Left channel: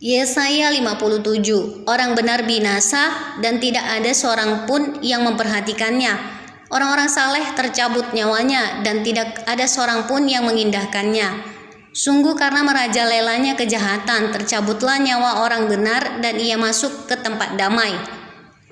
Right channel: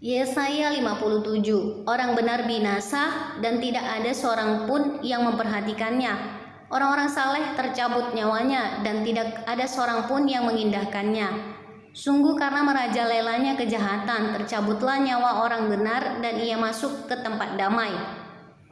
Yesaya 57. Orang benar binasa dan tidak ada seorang pun yang memperhatikannya. Orang-orang saleh tercabut nyawanya dan tidak ada seorang pun yang mengindahkannya. Sungguh karena merajalelanya kejahatan, tercabutlah nyawa orang benar dan ia masuk ke tempat damai.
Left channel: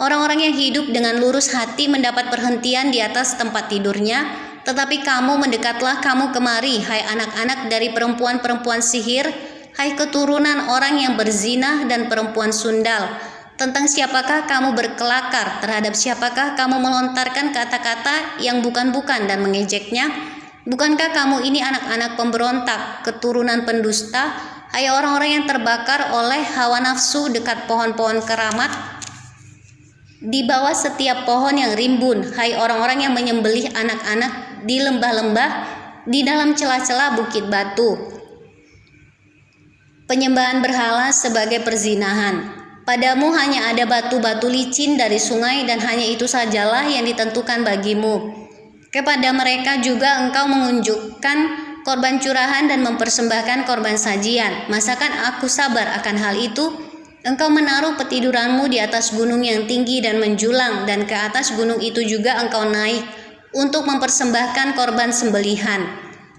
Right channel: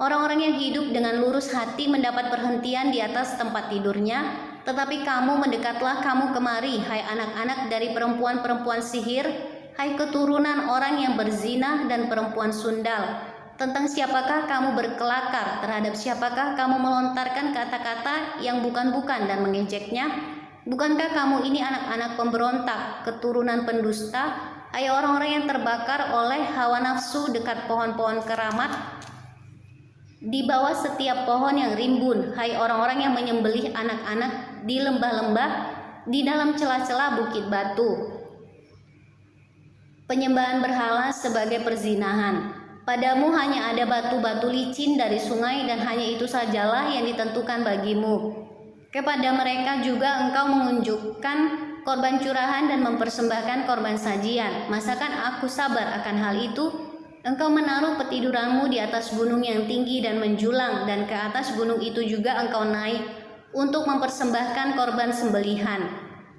Orang-orang yang hidup dengan lurus hati mendapat perhentian di atas tempat tidurnya, tetapi kamu mendekatlah kamu kemari, hai anak-anak dari perempuan-perempuan sihir, hai keturunan orang yang berzina dan perempuan sundal. Tentang siapakah kamu berkelakar, terhadap siapakah kamu melontarkan kata-kata yang bukan-bukan dan mengejeknya? Bukankah kamu ini anak-anak pemberontak, keturunan pendusta, hai orang-orang yang terbakar oleh hawa nafsu dekat pohon-pohon keramat? Di bawah setiap pohon yang rimbun, hai orang-orang yang menyembelih anak-anak di lembah-lembah, di dalam celah-celah bukit batu. Penyembahan berhala sebagai perzinahan. Padamu hanya ada batu-batu licin dari sungai dan hanya itu sajalah yang ditentukan bagimu. Kepada mereka juga engkau mengunjukkan korban curahan dan mempersembahkan korban sajian. Masakan aku sabar akan hal itu? Engkau menaruh petiduranmu di atas gunung yang tinggi dan menjulang, dan ke atas gunung itu juga engkau naik untuk mempersembahkan korban sembelihan.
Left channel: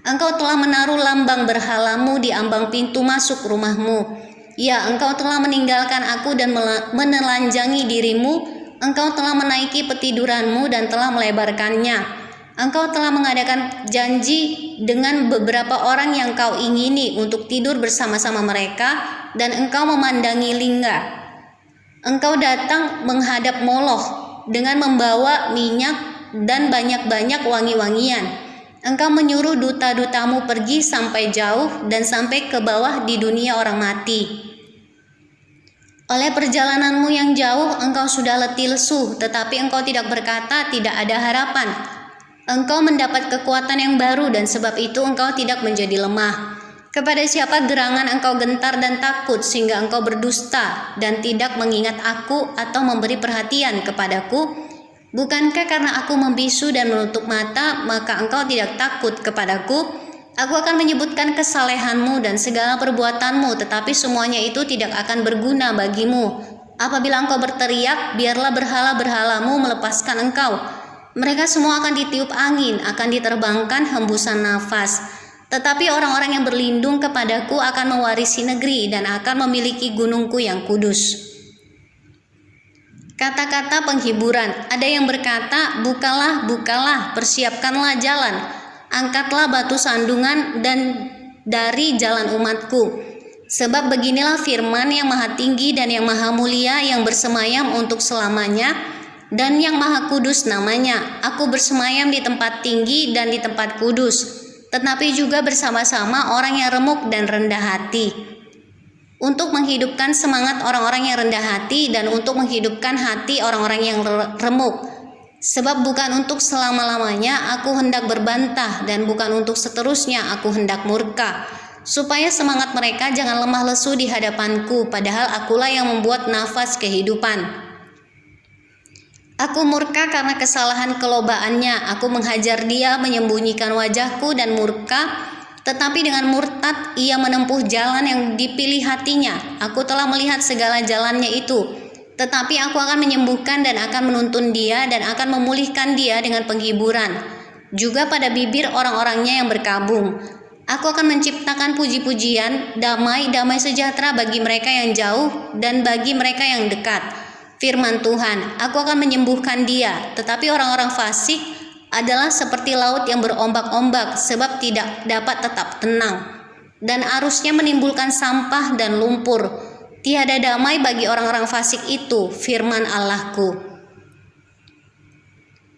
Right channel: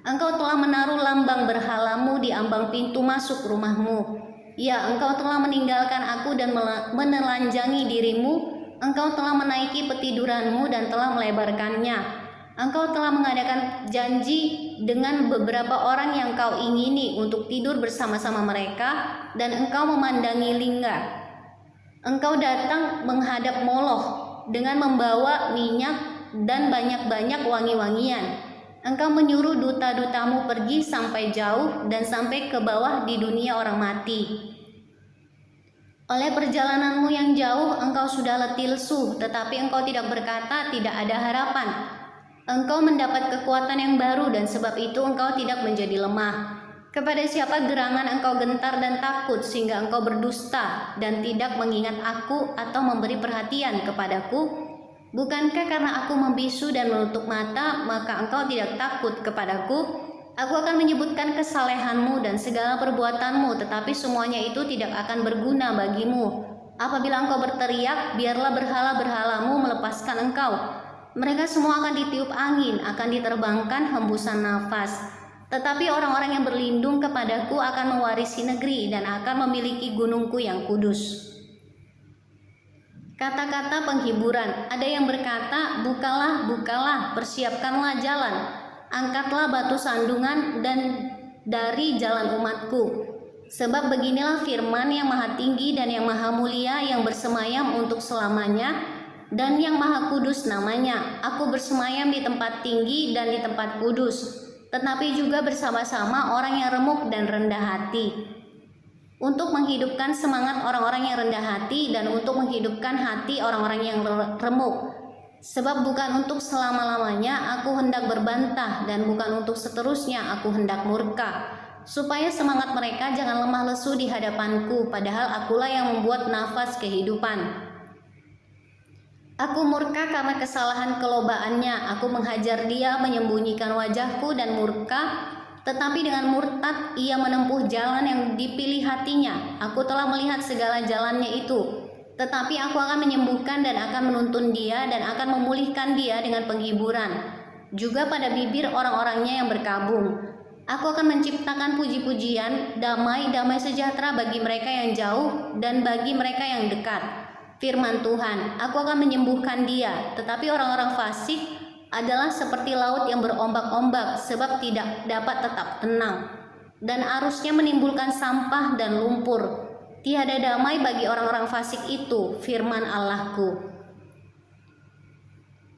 Engkau telah menaruh lambang berhalamu di ambang pintu masuk rumahmu. Ya, engkau telah meninggalkan aku dan menelanjangi dirimu. Engkau telah menaiki petiduranmu dan telah melebarkannya. Engkau telah mengadakan janji dengan beberapa orang yang kau ingini untuk tidur bersama-sama mereka, dan engkau memandangi lingga. Engkau datang menghadap Moloch dengan membawa minyak dan banyak-banyak wangi-wangian. Engkau menyuruh duta-dutamu pergi sampai jauh dan sampai ke bawah di dunia orang mati. Oleh perjalananmu yang jauh engkau sudah letih lesu, tetapi engkau tidak berkata tidak ada harapan. Engkau mendapat kekuatan yang baru dan sebab itu engkau tidak menjadi lemah. Kepada siapa gerangan engkau gentar dan takut sehingga engkau berdusta dan tidak mengingat aku atau memberi perhatian kepadaku? Bukankah karena aku membisu dan menutup mata maka engkau tidak takut kepadaku? Aku akan menyebutkan kesalehanmu dan segala perbuatanmu, tetapi semuanya itu tidak akan berguna bagimu. Apabila engkau berteriak, biarlah berhala-berhalamu melepaskan engkau. Mereka semua akan ditiup angin, akan diterbangkan hembusan nafas. Tetapi orang-orang yang berlindung kepadaku akan mewarisi negeri dan akan memiliki gunungku yang kudus. Kata-kata penghiburan. Ada yang berkata, bukalah, bukalah, persiapkanlah jalan. Angkatlah batu sandungan dan dari jalan umatku. Sebab beginilah firman yang maha tinggi dan yang maha mulia yang bersemayam untuk selamanya, dan yang maha kudus namanya. Aku bersemayam di tempat tinggi dan di tempat kudus, tetapi juga bersama-sama orang yang remuk dan rendah hati, untuk menghidupkan semangat orang-orang yang rendah hati dan untuk menghidupkan hati orang-orang yang remuk. Sebab bukan untuk selama-lamanya aku hendak berbantah, dan bukan untuk seterusnya aku hendak murka, supaya semangat mereka jangan lemah lesu di hadapanku, padahal akulah yang membuat nafas kehidupan. Aku murka karena kesalahan kelobaannya. Aku menghajar dia, menyembunyikan wajahku dan murka. Tetapi dengan murtad ia menempuh jalan yang dipilih hatinya. Aku telah melihat segala jalannya itu. Tetapi aku akan menyembuhkan dan akan menuntun dia dan akan memulihkan dia dengan penghiburan. Juga pada bibir orang-orangnya yang berkabung. Aku akan menciptakan puji-pujian, damai-damai sejahtera bagi mereka yang jauh dan bagi mereka yang dekat. Firman Tuhan, aku akan menyembuhkan dia, tetapi orang-orang fasik adalah seperti laut yang berombak-ombak sebab tidak dapat tetap tenang, dan arusnya menimbulkan sampah dan lumpur. Tiada damai bagi orang-orang fasik itu, firman Allahku.